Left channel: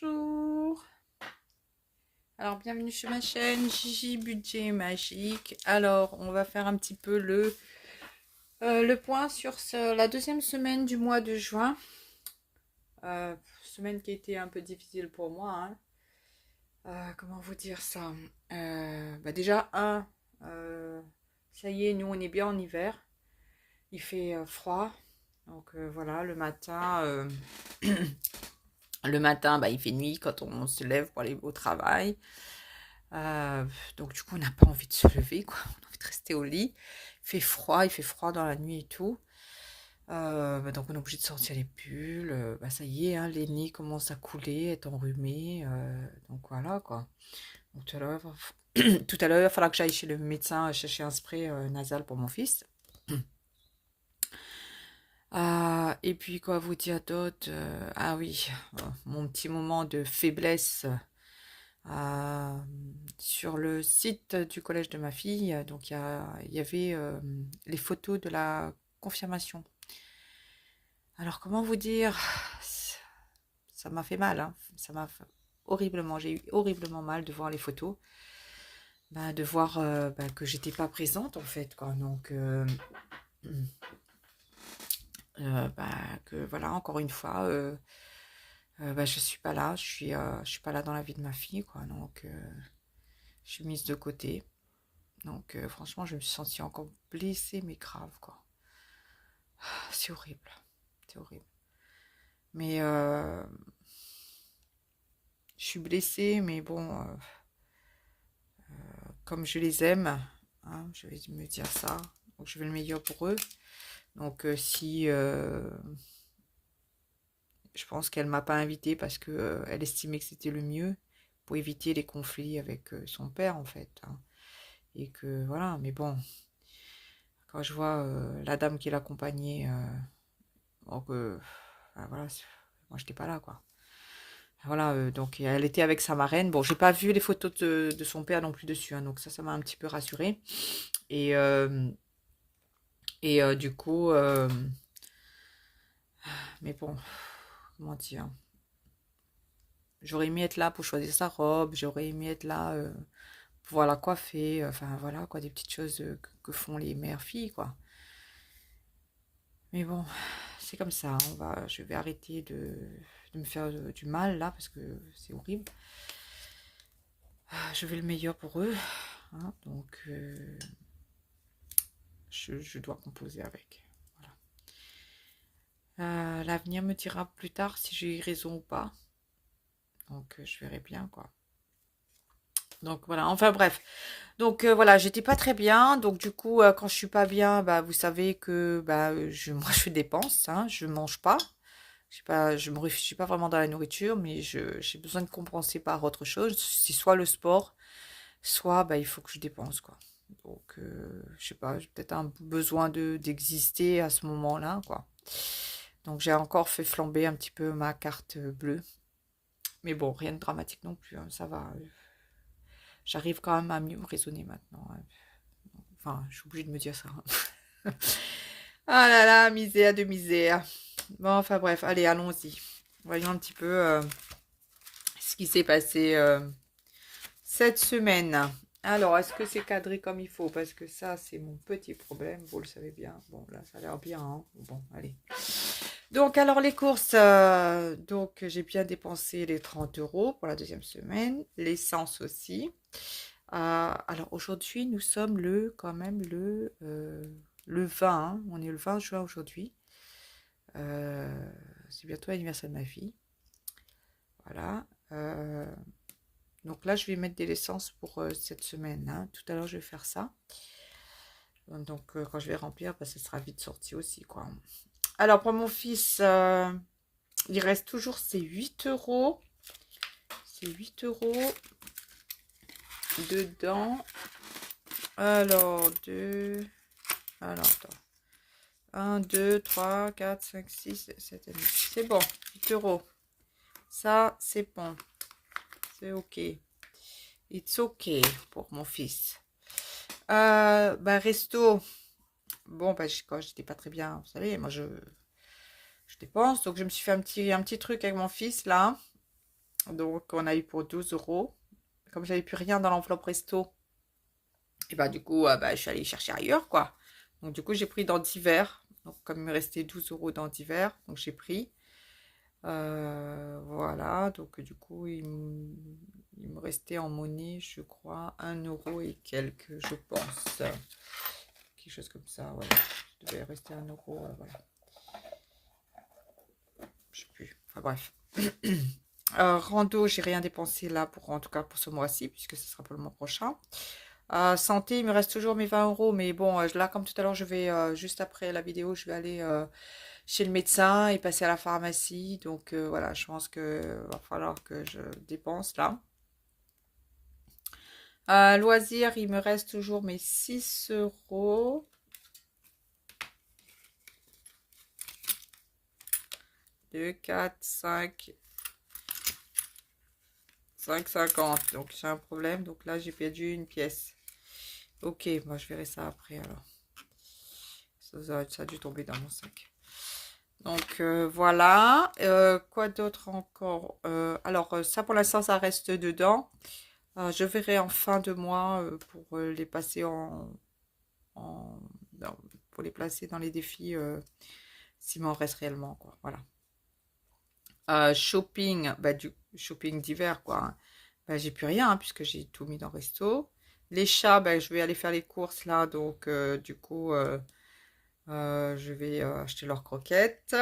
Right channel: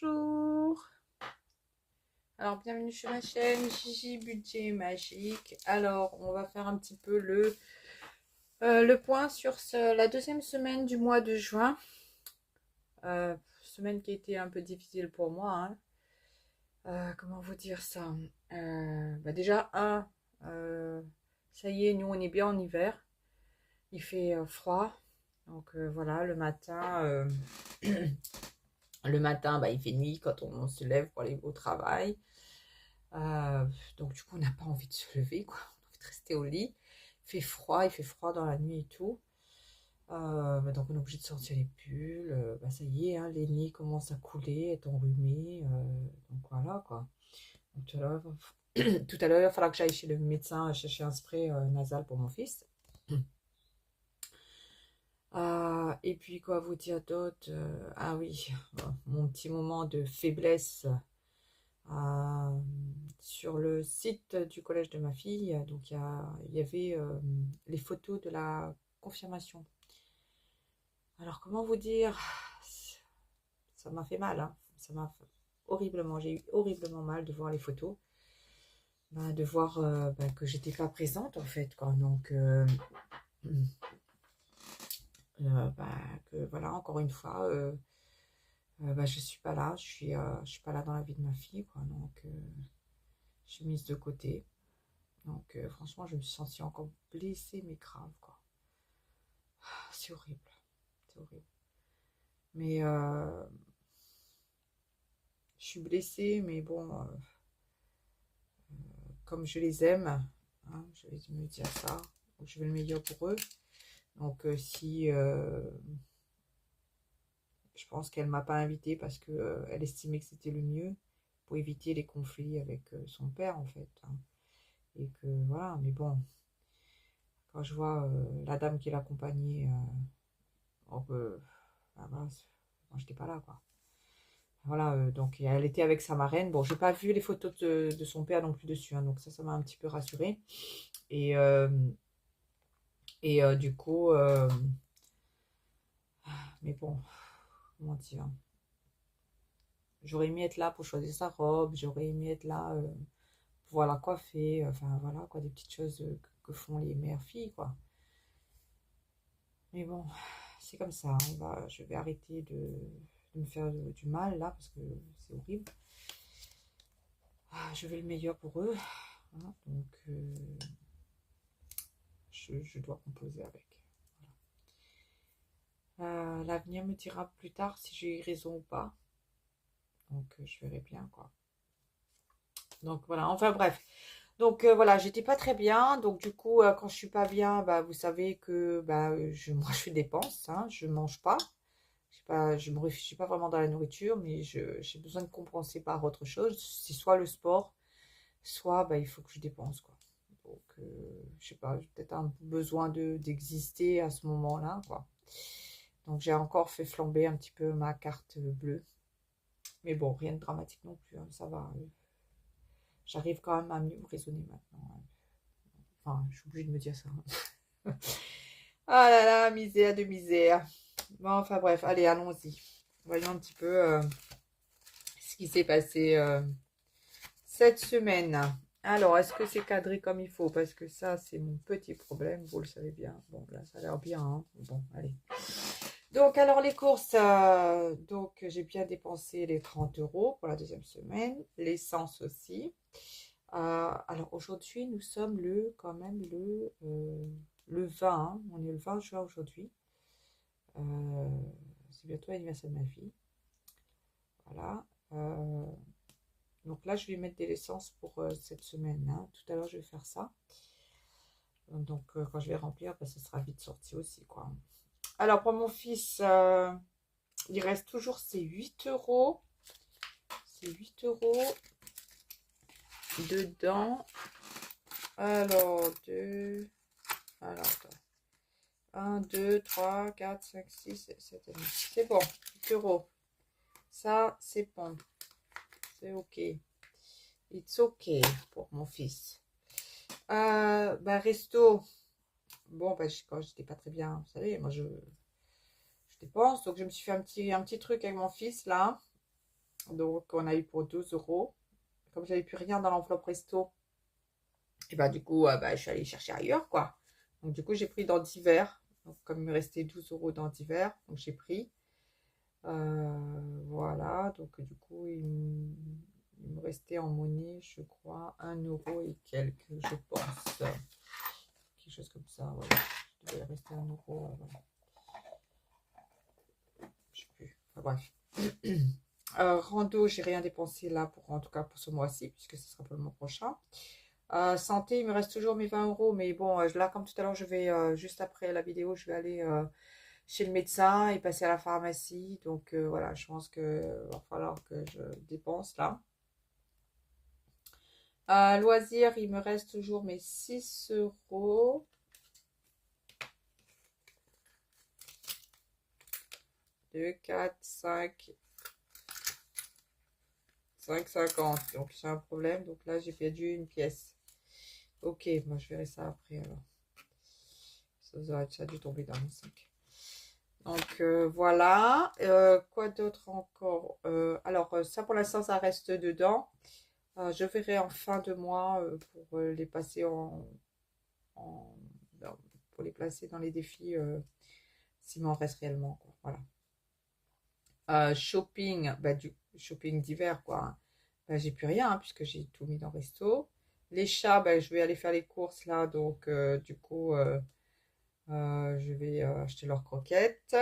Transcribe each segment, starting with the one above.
Bonjour. Alors bienvenue sur ma chaîne Gigi Budget Magique. Alors on va faire un petit peu le point sur la deuxième semaine du mois de juin. Semaine qui a été un peu difficile pour moi, hein. Comment vous dire ça? Déjà ça y est, nous on est bien en hiver. Il fait froid. Donc voilà, le matin, il fait nuit quand on se lève pour aller au travail. Donc du coup, on n'a pas envie de se lever, quoi. On a envie de rester au lit. Il fait froid dans la nuit et tout. Donc on est obligé de sortir les pulls. Ça y est, hein, les nids commencent à couler, être enrhumés. Donc voilà, quoi. Donc, tout à l'heure, tout à l'heure, il va falloir que j'aille chez le médecin chercher un spray nasal pour mon fils. Et puis, quoi vous dire d'autre? Ah oui, mon petit moment de faiblesse euh, sur le site du collège de ma fille. Donc, il y avait les photos de la confirmation. Alors, comment vous dire? Ça m'a fait mal, hein. Ça m'a fait horriblement. J'ai eu horriblement mal de voir les photos. De voir que j'étais pas présente, en fait, quoi. Donc, que voilà, encore une fois, je suis pas là, je suis pas là dans la vie de ma fille, quoi. Donc, je suis mise de côté. Donc, franchement, je me suis sentie encore blessée, mais grave, quoi. C'est horrible, c'est horrible. Mais je suis blessée, mais bon, comme je les aime, hein, je vais me dire ça. Donc, je veux le meilleur pour eux. Donc, si je pense qu'elle m'a pas invitée parce que elle estimait que c'était le mieux pour éviter les conflits avec son père, en fait, hein. Et que voilà, mais bon, quand je vois la dame qui l'accompagnait, donc, voilà, moi j'étais pas là, quoi. Voilà, donc elle était avec sa marraine. Bon, j'ai pas vu les photos de son père non plus dessus, hein, donc ça m'a un petit peu rassurée. Et, du coup, mais bon, comment dire, j'aurais aimé être là pour choisir sa robe, j'aurais aimé être là pour pouvoir la coiffer, enfin voilà, quoi, des petites choses que font les mères-filles, quoi. Mais bon, c'est comme ça, hein, je vais arrêter de me faire du mal là, parce que c'est horrible. Je veux le meilleur pour eux, hein, donc je dois composer avec. Voilà. L'avenir me dira plus tard si j'ai eu raison ou pas. Donc je verrai bien, quoi. Donc voilà, enfin bref. Donc voilà, j'étais pas très bien. Donc du coup, quand je suis pas bien, vous savez que moi je dépense, hein, je mange pas. Je sais pas, je me réfugie pas vraiment dans la nourriture, mais j'ai besoin de compenser par autre chose. C'est soit le sport, soit il faut que je dépense, quoi. Donc je sais pas, j'ai peut-être un besoin d'exister à ce moment-là, quoi. Donc j'ai encore fait flamber un petit peu ma carte bleue. Mais bon, rien de dramatique non plus, hein, ça va. J'arrive quand même à mieux raisonner maintenant, hein. Enfin, je suis obligée de me dire ça, hein. Ah là là, misère de misère. Bon, enfin bref, allez, allons-y. Voyons un petit peu ce qui s'est passé cette semaine. Alors, est-ce que c'est cadré comme il faut? Parce que ça, c'est mon petit problème, vous le savez bien. Bon, là, ça a l'air bien, hein. Bon, allez. Donc, alors, les courses. Donc, j'ai bien dépensé les 30 € pour la deuxième semaine. L'essence aussi. Alors, aujourd'hui, nous sommes quand même le 20. Hein. On est le 20 juin aujourd'hui. C'est bientôt l'anniversaire de ma fille. Voilà. Donc là, je vais mettre de l'essence pour cette semaine, hein. Tout à l'heure, je vais faire ça. Donc, quand je vais remplir, ça sera vite sorti aussi, quoi. Alors, pour mon fils, il reste toujours ses 8 €. C'est 8 € dedans. Alors, alors, attends. 1, 2, 3, 4, 5, 6, 7 et 9. C'est bon, 8 €. Ça, c'est bon. C'est OK. It's OK pour mon fils. Resto. Bon, quand j'étais pas très bien, vous savez, moi je dépense. Donc je me suis fait un petit truc avec mon fils là. Donc, on a eu pour 12 euros. Comme j'avais plus rien dans l'enveloppe resto, et bah, du coup, bah, je suis allée chercher ailleurs, quoi. Donc, du coup, j'ai pris dans divers. Donc, comme il me restait 12 euros dans divers, donc j'ai pris. Voilà. Donc, du coup, il me restait en monnaie, je crois, 1 € et quelques, je pense. Quelque chose comme ça, voilà. Je devais rester 1 €, voilà. Je sais plus. Enfin, bref. Rando, j'ai rien dépensé là, en tout cas pour ce mois-ci, puisque ce sera pour le mois prochain. Santé, il me reste toujours mes 20 euros, mais bon, là, comme tout à l'heure, je vais, juste après la vidéo, je vais aller chez le médecin et passer à la pharmacie. Donc voilà, je pense que va falloir que je dépense là. Loisirs, il me reste toujours mes 6 euros. 2, 4, 5, 5,50. Donc j'ai un problème. Donc là, j'ai perdu une pièce. Ok, moi je verrai ça après alors. Ça a dû tomber dans mon sac. Donc voilà. Quoi d'autre encore? Alors ça pour l'instant, ça reste dedans. Je verrai en fin de mois pour les passer non, pour les placer dans les défis s'il m'en reste réellement, quoi. Voilà. Shopping, bah, du shopping d'hiver, quoi, hein. Bah, j'ai plus rien, hein, puisque j'ai tout mis dans le resto. Les chats, bah, je vais aller faire les courses là, donc du coup, je vais acheter leurs croquettes.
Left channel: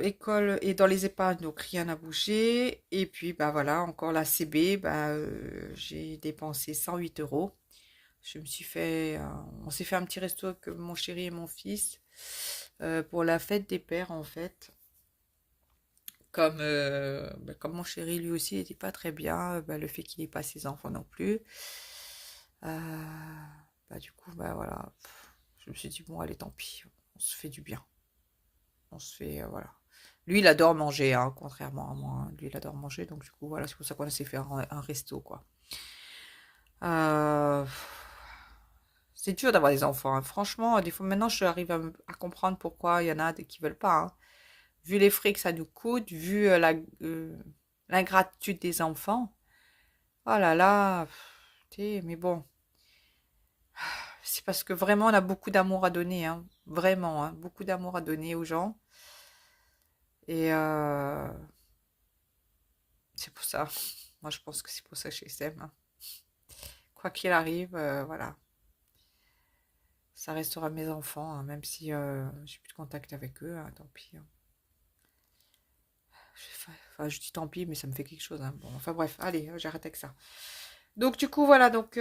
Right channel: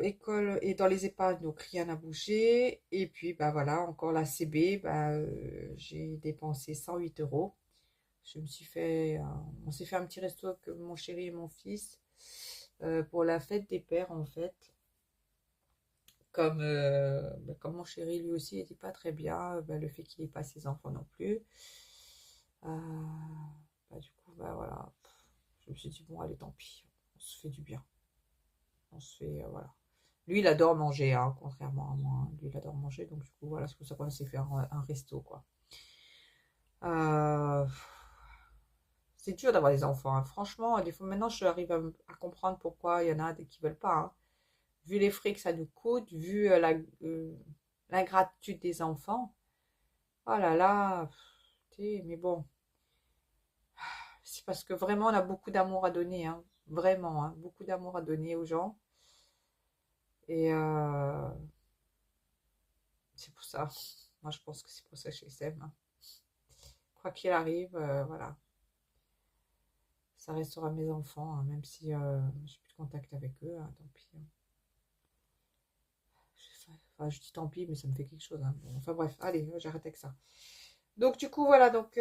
École et dans les épargnes, donc rien n'a bougé. Et puis, bah voilà, encore la CB, bah, j'ai dépensé 108 euros. Je me suis fait, on s'est fait un petit resto avec mon chéri et mon fils pour la fête des pères en fait. Comme mon chéri lui aussi n'était pas très bien, bah, le fait qu'il n'ait pas ses enfants non plus. Bah, du coup, bah voilà, je me suis dit bon allez tant pis, on se fait du bien. On se fait, voilà. Lui, il adore manger, hein, contrairement à moi. Lui, il adore manger, donc du coup, voilà, c'est pour ça qu'on s'est fait un resto, quoi. Euh, C'est dur d'avoir des enfants, hein. Franchement, des fois, maintenant, je arrive à comprendre pourquoi il y en a qui veulent pas, hein. Vu les frais que ça nous coûte, vu l'ingratitude des enfants. Oh là là, mais bon, c'est parce que vraiment, on a beaucoup d'amour à donner, hein. Vraiment, hein, beaucoup d'amour à donner aux gens. Et c'est pour ça. Moi, je pense que c'est pour ça que je les aime, hein. Quoi qu'il arrive, voilà. Ça restera mes enfants, hein, même si j'ai plus de contact avec eux, hein, tant pis, hein. Enfin, je dis tant pis, mais ça me fait quelque chose, hein. Bon, enfin bref, allez, j'arrête avec ça. Donc du coup, voilà, donc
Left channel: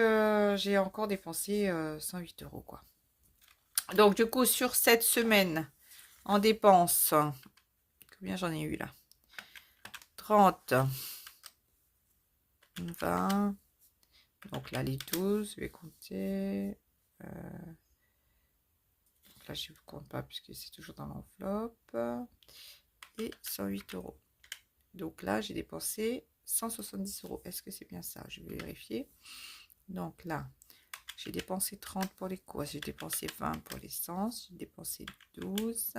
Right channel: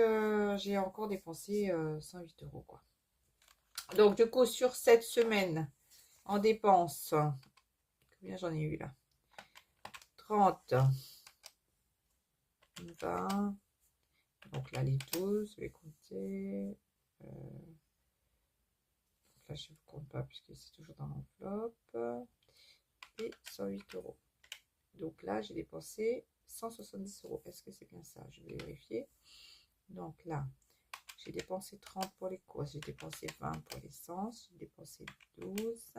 j'ai encore dépensé 108 euros, quoi. Donc du coup, sur cette semaine, en dépenses, combien j'en ai eu là? 30, 20, donc là les 12, je vais compter. Là, je ne vous compte pas puisque c'est toujours dans l'enveloppe. Et 108 euros. Donc là, j'ai dépensé 170 euros. Est-ce que c'est bien ça? Je vais vérifier. Donc là, j'ai dépensé 30 pour les courses. J'ai dépensé 20 pour l'essence. J'ai dépensé 12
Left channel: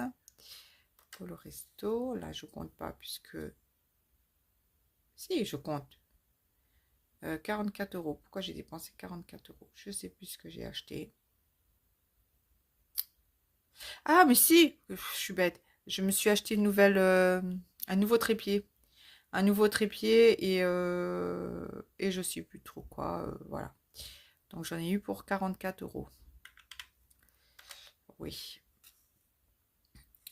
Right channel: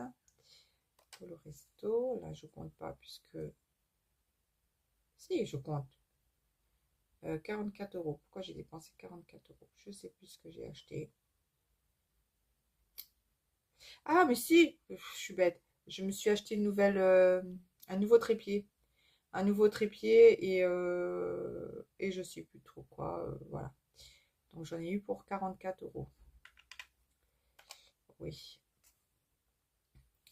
pour le resto. Là, je ne compte pas puisque... Si, je compte. 44 euros. Pourquoi j'ai dépensé 44 euros? Je ne sais plus ce que j'ai acheté. Ah, mais si, je suis bête. Je me suis acheté un nouveau trépied. Un nouveau trépied et je sais plus trop quoi. Voilà. Donc j'en ai eu pour 44 euros. Oui.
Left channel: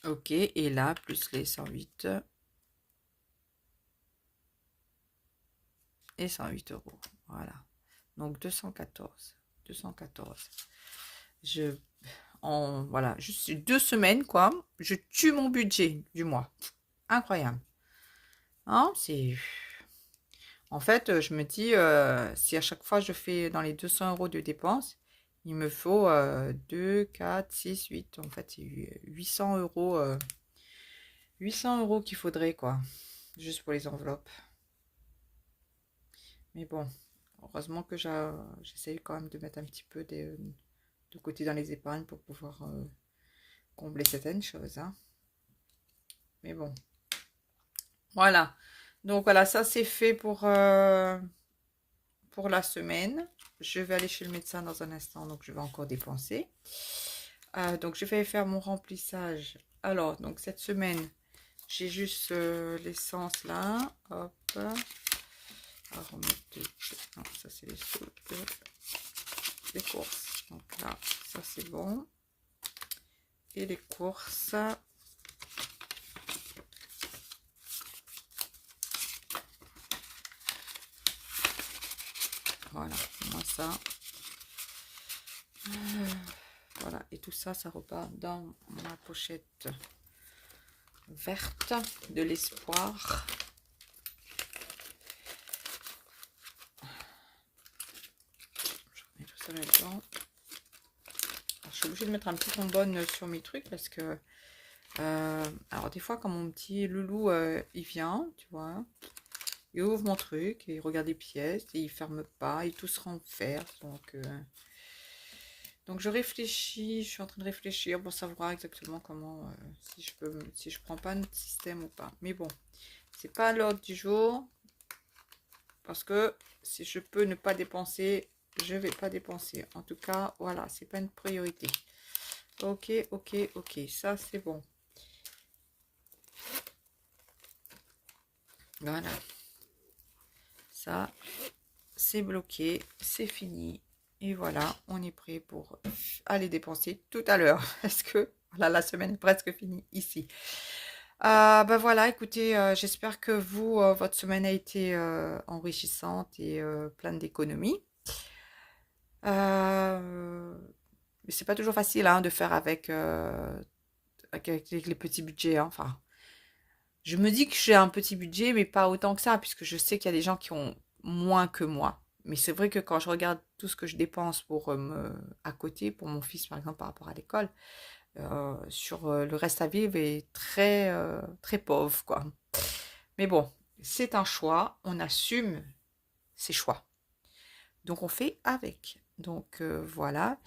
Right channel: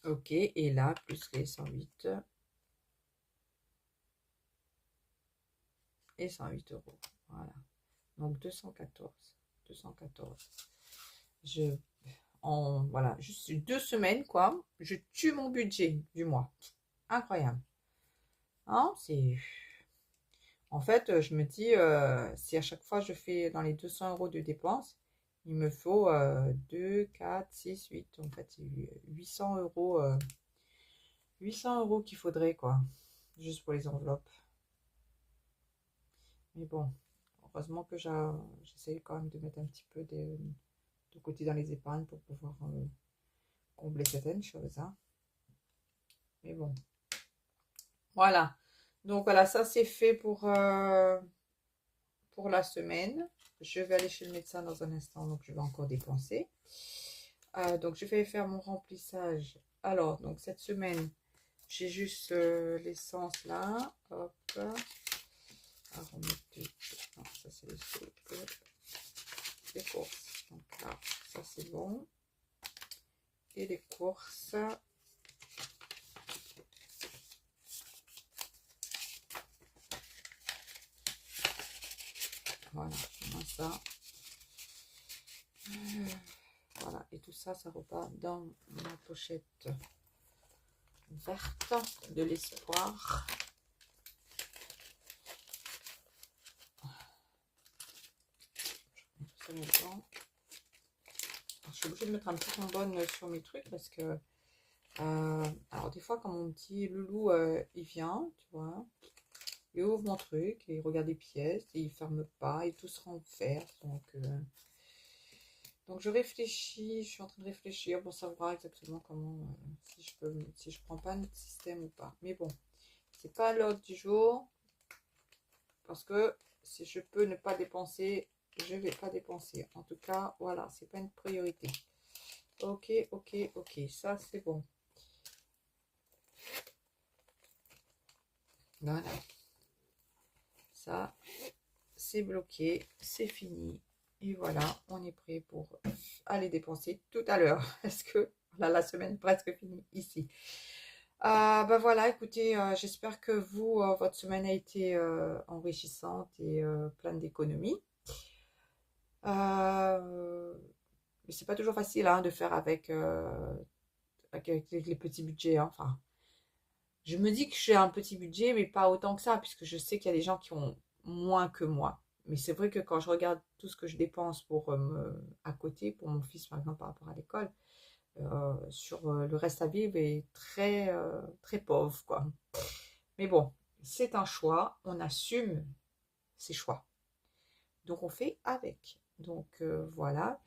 Ok. Et là, plus les 108 et 108 euros. Voilà. Donc 214. 214. Voilà, juste 2 semaines, quoi. Je tue mon budget du mois. Incroyable. Hein, c'est... En fait, je me dis, si à chaque fois je fais dans les 200 euros de dépenses, il me faut 2, 4, 6, 8. En fait, c'est 800 euros, 800 euros qu'il faudrait, quoi, juste pour les enveloppes. Mais bon, heureusement que j'essaye quand même de mettre un petit peu de côté dans les épargnes pour pouvoir combler certaines choses, hein. Mais bon. Voilà. Donc voilà, ça c'est fait pour la semaine. Je vais aller chez le médecin dans un instant, donc je vais encore dépenser. Donc je vais faire mon remplissage. Alors, donc cette semaine, j'ai juste l'essence là. Hop. Alors, on met non, ça c'est les soupes, les courses. Donc là, ça c'est bon. Et les courses. Voilà, moi ça. Voilà, et tout ça, ça repart dans ma pochette verte de l'espoir. Je remets tout ça là-dedans. Je suis obligée de mettre un petit bonbonne sur mes trucs parce que alors des fois quand mon petit loulou il vient, tu vois, il ouvre mon truc et il regarde les pièces et il ferme pas et tout se renverse. Donc je réfléchis, je suis en train de réfléchir pour savoir exactement comment, si je prends pas un système ou pas. Mais bon, c'est pas l'ordre du jour parce que si je peux ne pas dépenser, je vais pas dépenser. En tout cas, voilà, c'est pas une priorité. Ok, ok, ok, ça c'est bon. Voilà, ça c'est bloqué, c'est fini. Et voilà, on est prêt pour aller dépenser tout à l'heure. Parce que voilà, la semaine est presque finie ici. Ben voilà, écoutez, j'espère que vous, votre semaine a été enrichissante et pleine d'économies. Mais c'est pas toujours facile hein, de faire avec les petits budgets, hein. Enfin, je me dis que j'ai un petit budget, mais pas autant que ça, puisque je sais qu'il y a des gens qui ont moins que moi. Mais c'est vrai que quand je regarde tout ce que je dépense à côté, pour mon fils par exemple par rapport à l'école, sur le reste à vivre est très pauvre, quoi. Mais bon, c'est un choix, on assume ses choix. Donc on fait avec. Donc voilà.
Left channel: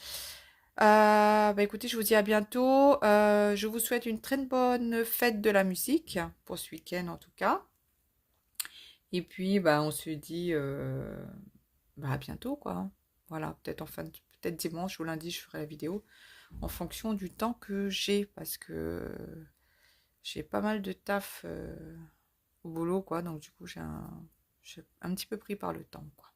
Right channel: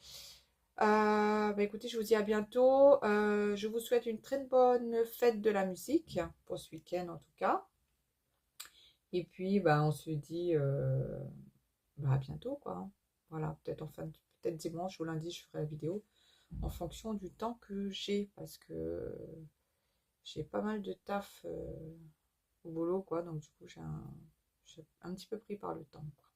Bah écoutez, je vous dis à bientôt. Je vous souhaite une très bonne fête de la musique, pour ce week-end en tout cas. Et puis, bah, on se dit bah, à bientôt, quoi. Voilà, peut-être dimanche ou lundi, je ferai la vidéo en fonction du temps que j'ai, parce que j'ai pas mal de taf au boulot, quoi. Donc, du coup, j'ai un petit peu pris par le temps, quoi.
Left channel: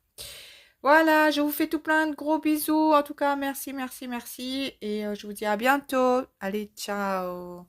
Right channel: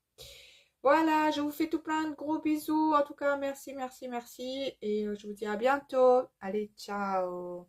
Voilà, je vous fais tout plein de gros bisous. En tout cas, merci, merci, merci. Et je vous dis à bientôt. Allez, ciao.